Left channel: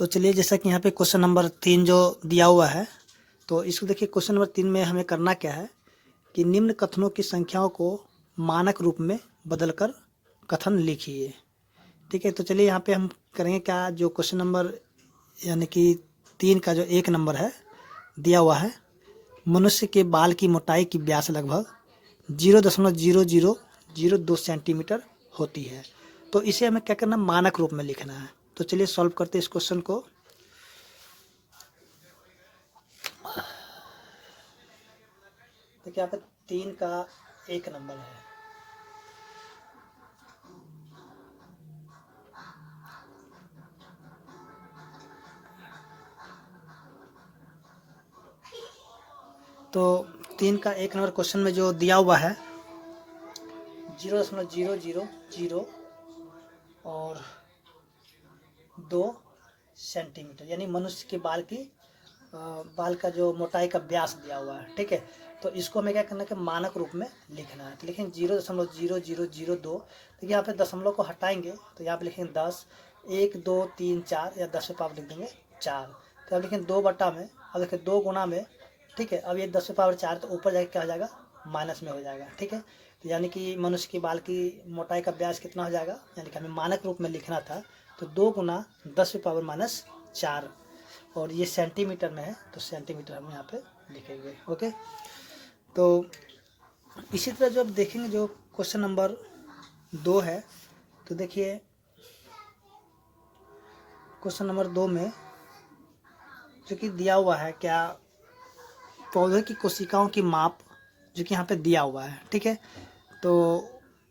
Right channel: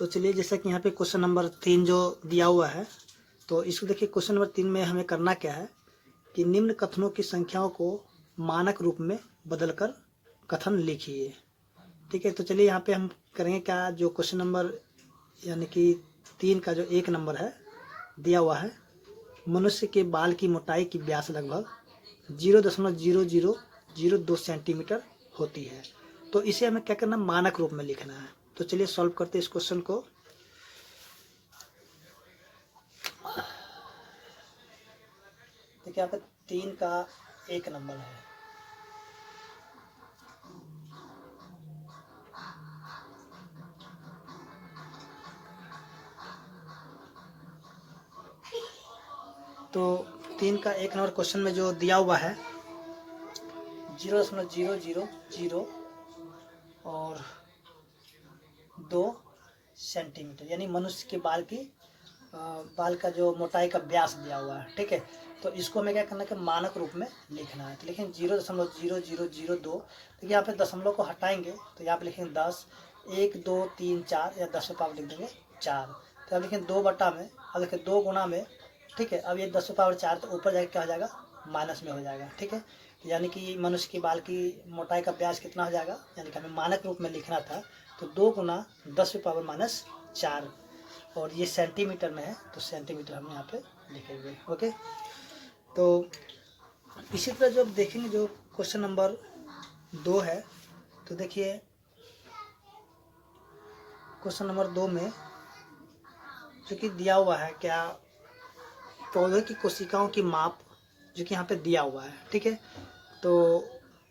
तो चलिए, जैसा कि यहाँ पे क्वेश्चन नंबर 3 जो दिया हुआ है, तो इसको देखिए। क्वेश्चन नंबर 3 में हमें करना क्या है कि निम्न कथनों की संख्याओं को मानक रूप में बदलकर कथन लिखिए। ठीक है, तो चलिए यहाँ पे हम करेंगे क्या, जो क्वेश्चन नंबर यानी कि 3 का जो 1 नंबर है दिया हुआ है, मनुष्य के बाल की मोटाई की व्यास लगभग 0.0002 सेंटीमीटर होती है। तो इसे हमें क्या करना है, मानक रूप में लिखना है। तो चलिए सॉल्व करते हैं इस क्वेश्चन को। देखिए यहाँ पे 3 का 1 नंबर है। तो 3 का 1 नंबर क्वेश्चन में जो दिया हुआ है 0.000 और 2 सेंटीमीटर, यानी मनुष्य के बाल का जो मोटाई का व्यास दिया हुआ है। ठीक है, तो इसको हमें क्या करना है कि मानक रूप में लिखना है। तो लिखेंगे 0.0002। तो यहाँ पे दशमलव को हटाएंगे तो यहाँ पे लिखेंगे 10, 1 2 3 4, या 10 पे पावर लिख देंगे 4। तो अब लिखेंगे 2 बटा में, अब देखिए 2 गुना में। ठीक है, अब ये 10 पे पावर 4, तो ऊपर जाके क्या हो जाएगा, माइनस में हो जाएगा। ठीक है, तो यानी कि मनुष्य के बाल की मोटाई का व्यास कितना हो जाएगा, यानी कि हमें मानक रूप में लिखना था। तो 2 गुना 10 पे पावर -4, और ये सेंटीमीटर में है तो सेंटीमीटर हम यहाँ पे लिखेंगे। ओके, तो इसी तरह जब देखेंगे जो क्वेश्चन नंबर 2 है, तो देखिए क्वेश्चन नंबर 2 में जो कि दिया हुआ है क्या, पौधे की कोशिकाओं की माप जो कि यहाँ पे दिया हुआ है। ठीक है, तो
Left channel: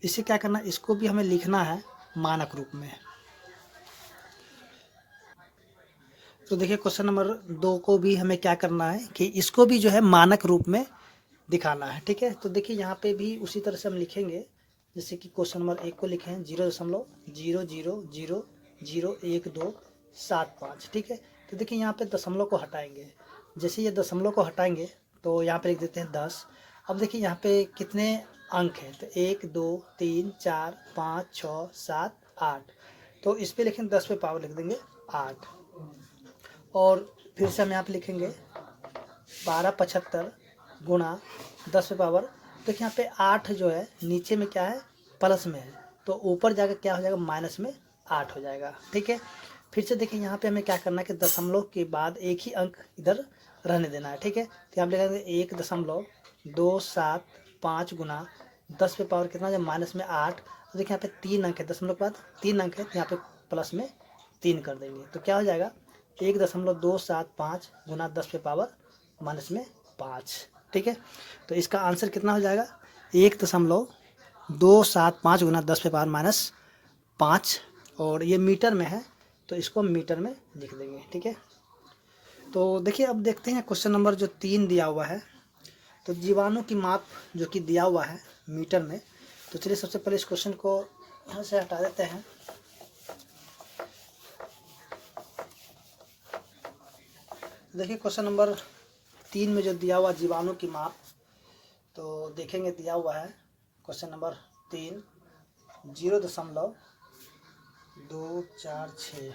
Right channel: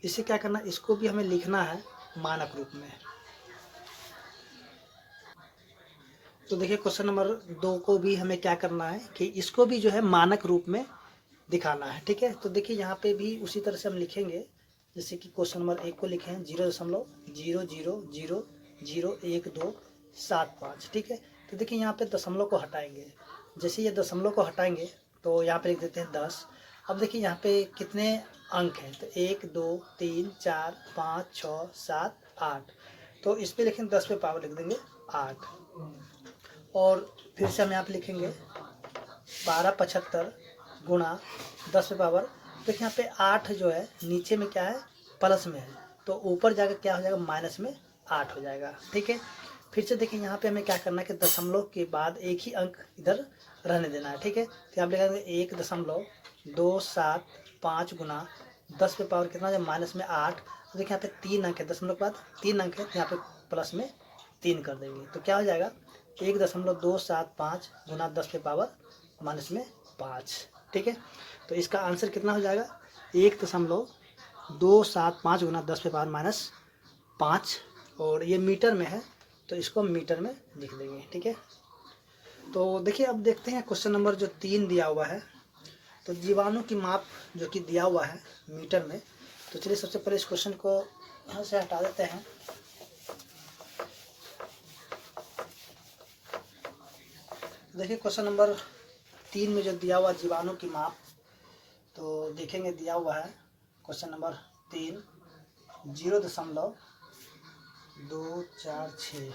इसे क्या करना है, इसको भी हमें लिखना है मानक रूप में। तो देखिए क्वेश्चन नंबर 2 को भी हमें क्या करना है कि इसको भी जो है मानक रूप में दिखाना है। ठीक है, तो देखिए यहाँ पे भी उसी तरह से हम लिखेंगे जैसे कि क्वेश्चन नंबर 1 को लिखे हैं 0.000127 ठीक है, तो देखिए यहाँ पे दशमलव को हटाएंगे। जैसे ये दशमलव को हटाएंगे तो यहाँ पे लिख देते हैं 10। अब देखिए यहाँ पे कितने अंक हैं, तो 1 2 3 4 5 6 7 8। तो इस पे लिखेंगे 10 पे पावर लिख देंगे 8, और फिर से हम यहाँ पे लिखेंगे 1275 गुणा 10 पे पावर। देखिए यहाँ पे 8 जो है नीचे में क्या है, प्लस में है, तो ऊपर जाकर क्या हो जाएगा, माइनस में 8 हो जाएगा। ठीक है, फिर से देखिए यहाँ पे हमें क्या करना है कि दशमलव के बाद एक ही अंक इधर रहने देना है। ठीक है, तो यहाँ पे लिखेंगे 1.275 गुणा 10 पे पावर कितना है, माइनस में 8। तो देखिए यहाँ पे 3 अंक है, दशमलव के बाद 3 अंक है, तो यहाँ पे प्लस में 3 कर देंगे। तो क्या हो जाएगा, 1.275 गुणा 10 पे पावर -5। ठीक है, तो इसका आंसर कितना हो जाएगा, 1.275 गुणा 10 पे पावर -5, और ये मीटर में है तो इसको मीटर में लिख देंगे। ठीक है, तो देखिए अब देखते हैं क्वेश्चन नंबर जो 3 दिया हुआ है, तो जीवाणु की माप जो कि दिया हुआ है मीटर में। तो चलिए सबसे पहले इस क्वेश्चन को यहाँ से हटा देते हैं। देखिए क्वेश्चन नंबर 3 में जो दिया हुआ जीवाणु की माप, तो देखेंगे दिया हुआ है क्वेश्चन नंबर 3 0.246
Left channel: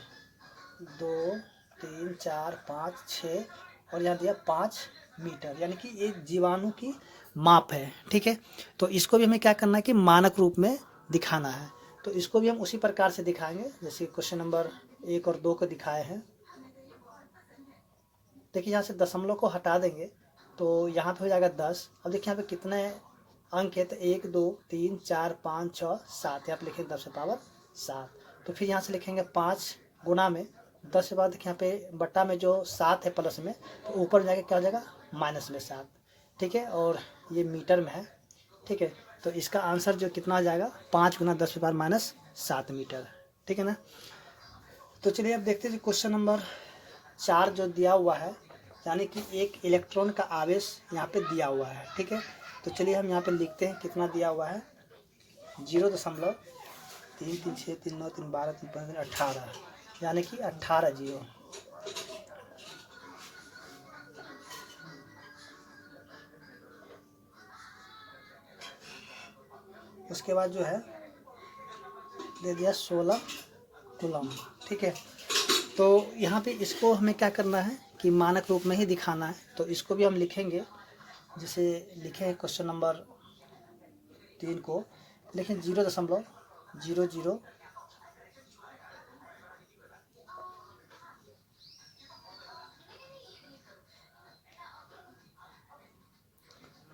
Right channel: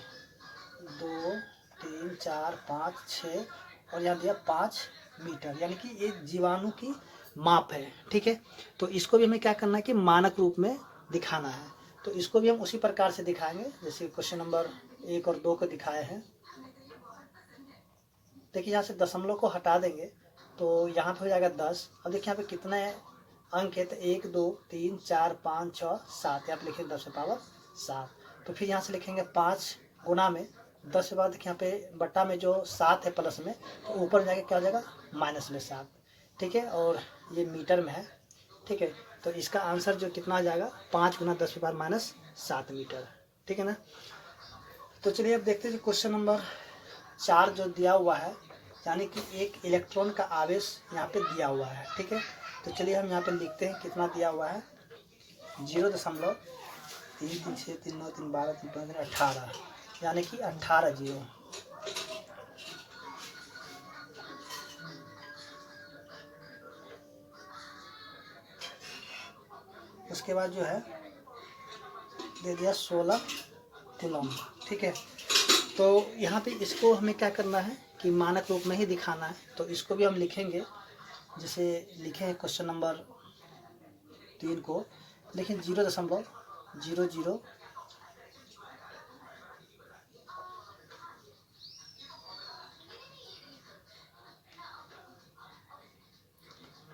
2 3 4 5 6, और यहाँ दिया 5 मीटर, यानी कि ये जीवाणु की माप है। ठीक है, तो इसको भी हमें क्या करना है कि मानक रूप में दिखाना है। तो इसको भी हम उसी प्रकार से दिखाएंगे जैसे क्वेश्चन नंबर 1 और 2 को दिखाए हैं। देखिए यहाँ से दशमलव को हटा देंगे तो यहाँ पे हो जाएगा 10। अब देखिए यहाँ पे कितने अंक है, तो 1 2 3 4 5 6 7, यहाँ पे लिखेंगे 10 पे पावर 7। तो फिर यहाँ से लिखेंगे 5 गुना में 10 के बाद देखिए यहाँ पे बट्टा में जो 7 है प्लस में, तो ऊपर जाके क्या हो जाएगा, माइनस में 7। ठीक है, और ये मीटर में है। ठीक है, तो इसका आंसर जो कितना आ जाएगा, 5 गुना 10 के बाद -7 मीटर। ठीक है ना, तो चलिए अब देखते हैं क्वेश्चन नंबर 4 जो दिया हुआ है, यानी कि एक इलेक्ट्रॉन का आवेश यहाँ पे दिया हुआ है। ठीक है, तो चलिए हम यहाँ पे लिखते हैं कितना दिया हुआ है, 0.33639312318, यानी कि 18 जीरो। उसके बाद जो है दे दिया 16 कूलम। ठीक है, तो यहाँ पे इसको हमें क्या करना है कि मानक रूप में ही दिखाना है। तो इसको भी हम लिखेंगे, जैसे लिखे हैं क्वेश्चन नंबर 3 को, लेकिन 0.00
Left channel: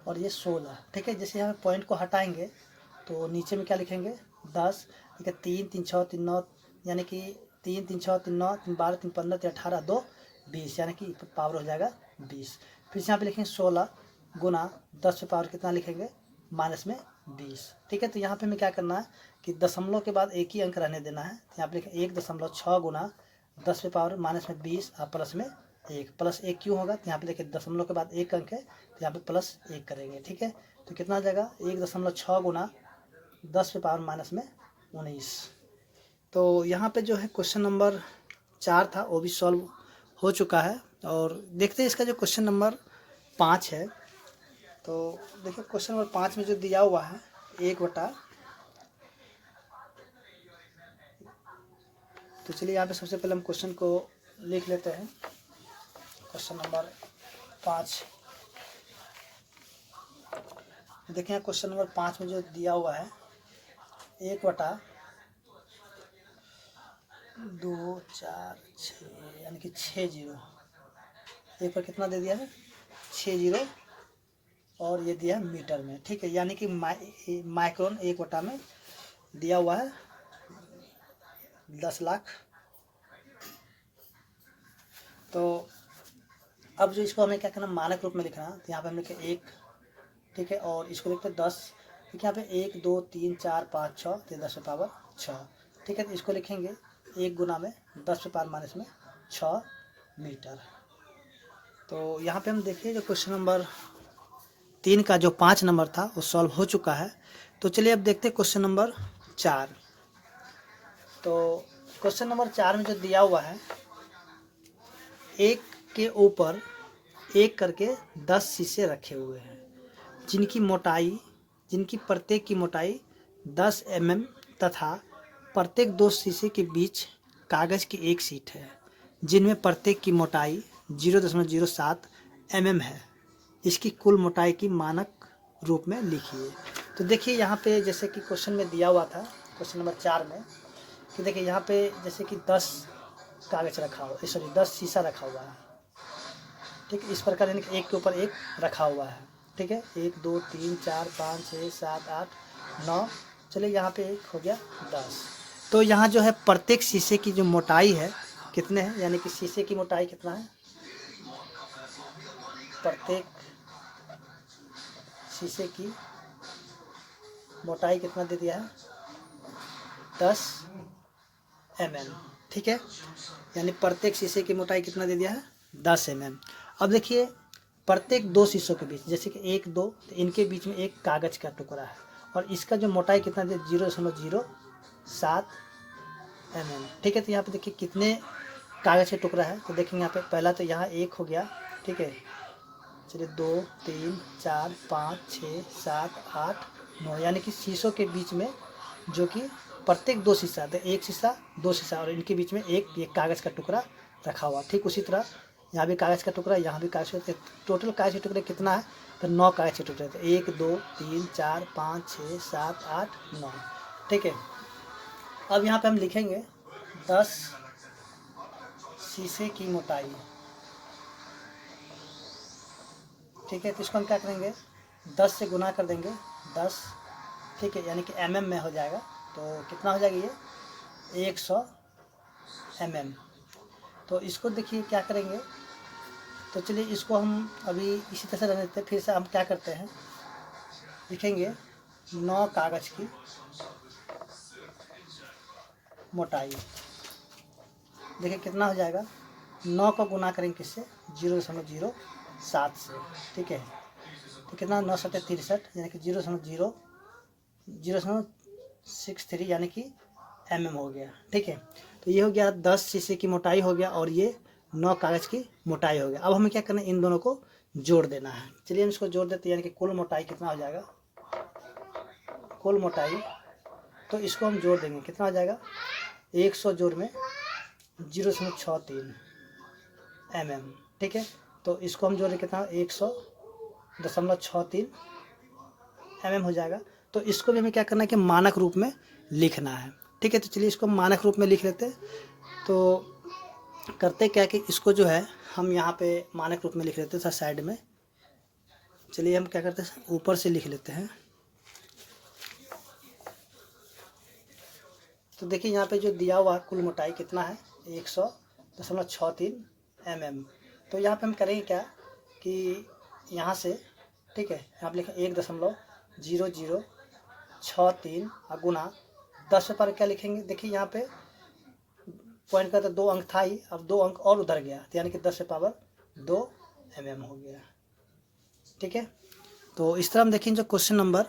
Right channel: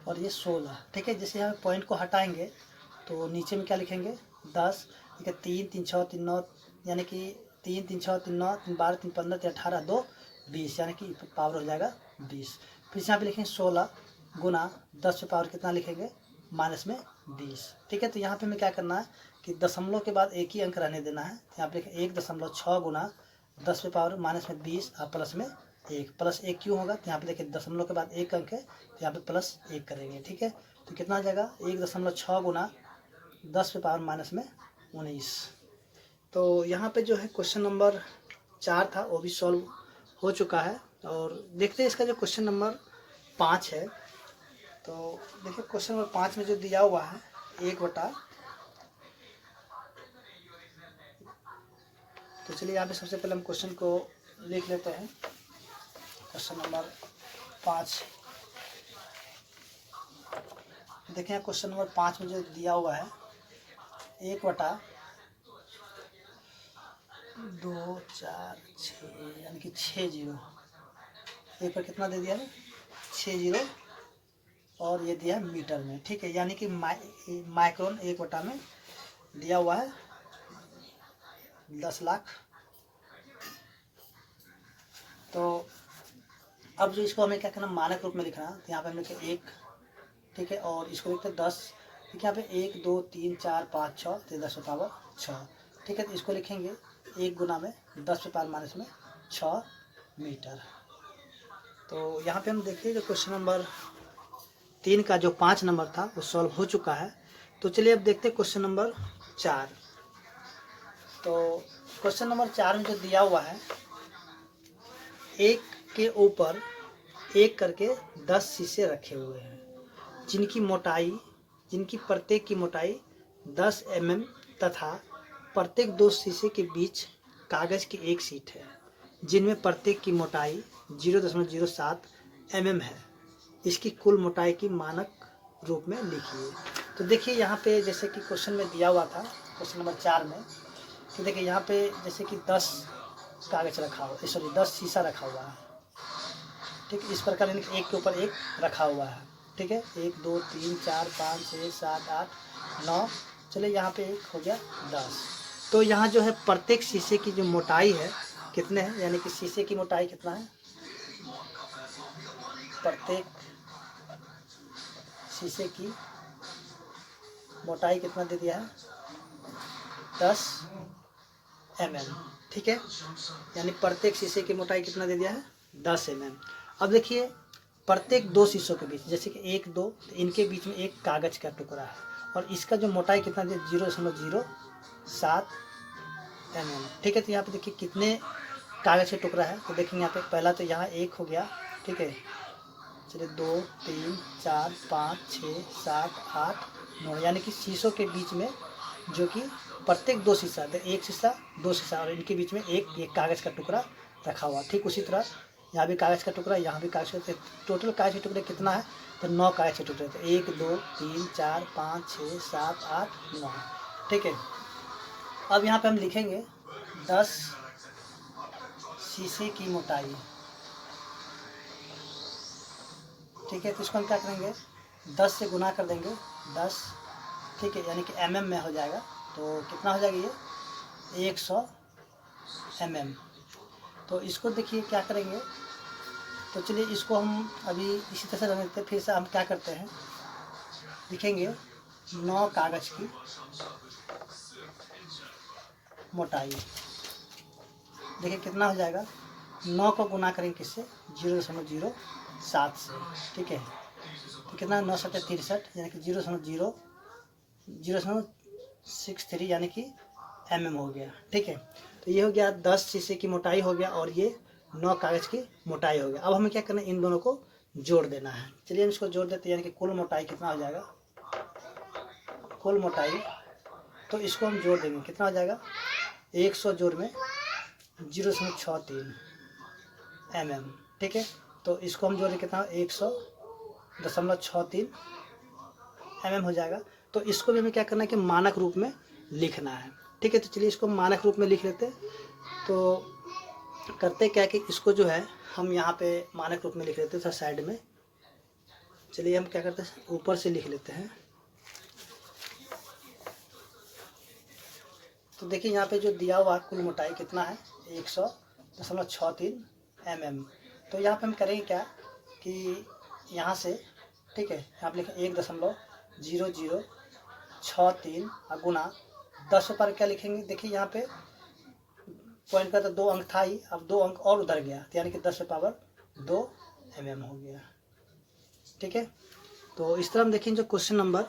और ये 16, ठीक है। जैसे यहाँ पॉइंट को हटाएंगे तो नीचे में क्या लिखेंगे 10, ठीक है। 3 3 6 3 9, यानी कि 3 3 6 3 9 3 12 3 15 3 18 2 20, यानी कि पावर हो जाएगा 20। फिर यहाँ पे लिखेंगे 16 गुना 10 पे पावर कितना लिखेंगे माइनस में 20, ठीक है। तो यहाँ पे हमें क्या करना है कि दशमलव के बाद एक ही अंक रहने देना है। यहाँ पे लिखें 1.6 गुना 10 पे पावर माइनस में 20 और प्लस में 1, प्लस 1 क्यों होगा, तो यहाँ पे देखिए दशमलव के बाद एक अंक है तो यहाँ पे प्लस 1 करेंगे, ठीक है। तो कितना आ जाएगा 1.6 गुना 10 पे पावर माइनस में 19। तो यहाँ पे जो है क्वेश्चन नंबर 4 था वो भी सॉल्व हो चुका है। और देखते हैं इसका जो क्वेश्चन नंबर 5 है। तो देखिए क्वेश्चन नंबर 5 में जो दिया हुआ है 1/, तो चलिए यहाँ पे सबसे पहले हम क्वेश्चन को लिख लेते हैं। क्वेश्चन नंबर 5 देखें, क्वेश्चन नंबर 5 में जो दिया हुआ है 1/2 4 6, यानी कि 60, एक पर कितना दे दिया है 60 और ये दिया है मीटर में, ठीक है। यानी कि माइक्रोन 1/, में दिया हुआ है 10 लाख। तो अब जो इसको हमें क्या करना मानक रूप में लिखना, तो यहाँ पे हम लिखे 1, ठीक है। और इसको लिखते 10, ठीक है। यहाँ पे 1 2 3 4 5 6 तो 10 पे पावर 6, ठीक है। तो इसको लिखेंगे 1 गुना में 10 पे पावर माइनस में 6 मीटर। तो यहाँ पे हम देखिए जो क्वेश्चन नंबर 3 का जो 5 नंबर था वो सॉल्व हो चुका है। तो चलिए अब देखते हैं क्वेश्चन नंबर 4। तो क्वेश्चन नंबर 4 में जो दिया हुआ है एक के ऊपर एक करके 10 शीशे रखे हुए हैं, जिनकी प्रत्येक की मोटाई 10 mm तथा प्रत्येक 2 शीशे के बीच कागज की एक शीट है, जिनमें प्रत्येक की मोटाई 0.07 mm है। इसकी कुल मोटाई की मानक रूप में लिखिए। तो देखिए यहाँ पे जैसे कि क्वेश्चन में दिया हुआ था क्वेश्चन नंबर 4 में, कि देखिए यहाँ पे जैसे कि 10 कागज रखा हुआ, सॉरी 10 शीशा रखा हुआ है, ठीक है। इस प्रकार यानी कि एक के ऊपर एक रखा हुआ है, ठीक है। 1 2 3 4 5 6 7 8 9, चलिए यहाँ पे एक हो गया 10। तो यहाँ जो है प्रत्येक शीशे की जो मोटाई है कितने हैं, यानी कि शीशे की मोटाई कितना है, प्रत्येक शीशे की मोटाई कितना दे दिया है 10 mm, ठीक है। यानी प्रत्येक शीशे की मोटाई कितना दे दिया है 10 mm। अब देखिए प्रत्येक 2 शीशों के बीच, जैसे कि 1 2, तो इनके बीच में एक कागज का टुकड़ा है और इसका जो मोटाई कितना दे 0.07 mm, ठीक है। तो यहाँ पे देखिए कितने कागज के टुकड़ा है, तो देखेंगे यहाँ पे पहला तो यहाँ 1 हो गया, ठीक है। चलिए 2 3 4 5 6 7 8 9, यानी कि शीशों के बीच में जो कि प्रत्येक 2 शीशा, एक शीशा 2 शीशा और इनके बीच में एक कागज़ का टुकड़ा रखा हुआ। ठीक उसी तरह यहाँ भी कागज़ का टुकड़ा, यहाँ भी कागज़ का, टोटल कागज़ के टुकड़े कितना है, तो 9 कागज़ के टुकड़े, तो 1 2 3 4 5 6 7 8 9, ठीक है। अब यहाँ पे हम लिखेंगे 10 शीशे की मोटाई, ठीक है। तो इसको हम क्या करेंगे 10 से गुना कर देंगे 10, ठीक है, यानी कि mm में हो जाएगा। तो कितना हो जाएगा ये 100 mm। तो इसको देखिए क्या करेंगे, तो चलिए इसको हम अभी इसी तरह से रहने देते हैं। फिर से हम क्या करते हैं, लिखेंगे 9 कागज़ की मोटाई, देखिए कितना हो जाएगा, 9 को गुना करेंगे किससे 0.07 से, ठीक है। तो कितना 9 7 63, यानी कि 0.63 यानी कि mm हो गया, ठीक है। तो ये हो गया 10 शीशे की मोटाई हो गया और ये 9 कागज़ की मोटाई हो गया। अब हमें क्या करना है, इन दोनों को जोड़ देना है। चलिए हम इसको जोड़ देते हैं, यानी कि कुल मोटाई कितना हो जाएगा, कुल मोटाई, तो इसको हम जोड़ देंगे, कितना हो जाएगा 100 जोड़ में 0.63 mm, ठीक है। तो इसको हम जो लिखता हूँ 100.63 mm हो जाएगा। तो इसको भी हमें क्या करना है कि मानक रूप में लिखना है, ठीक है। तो चलिए इसको मानक रूप में लिख लेते हैं। तो करते क्या कि इसको जो है हम यहाँ पे मानक रूप में लिख लेते हैं साइड में। चलिए हम क्या करते हैं, ऊपर से लिख लेते हैं। तो देखिए यहाँ पे जो दिया हुआ कुल मोटाई कितना है, 100.63 mm। तो यहाँ पे हम करेंगे क्या कि यहाँ से, ठीक है, यहाँ पे लिखें 1.0063 गुना 10 पर क्या लिखेंगे, देखिए यहाँ पे पॉइंट का तो 2 अंक था ही, अब 2 अंक और उधर गया, तो यानी कि 10 से पावर 2 mm हो गया, ठीक है। तो इस तरह हम देखें जो क्वेश्चन नंबर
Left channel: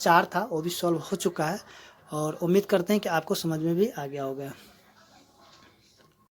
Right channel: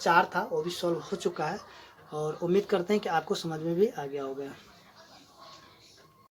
4 था वो भी सॉल्व हो चुका है, और उम्मीद करते हैं कि आपको समझ में भी आ गया होगा।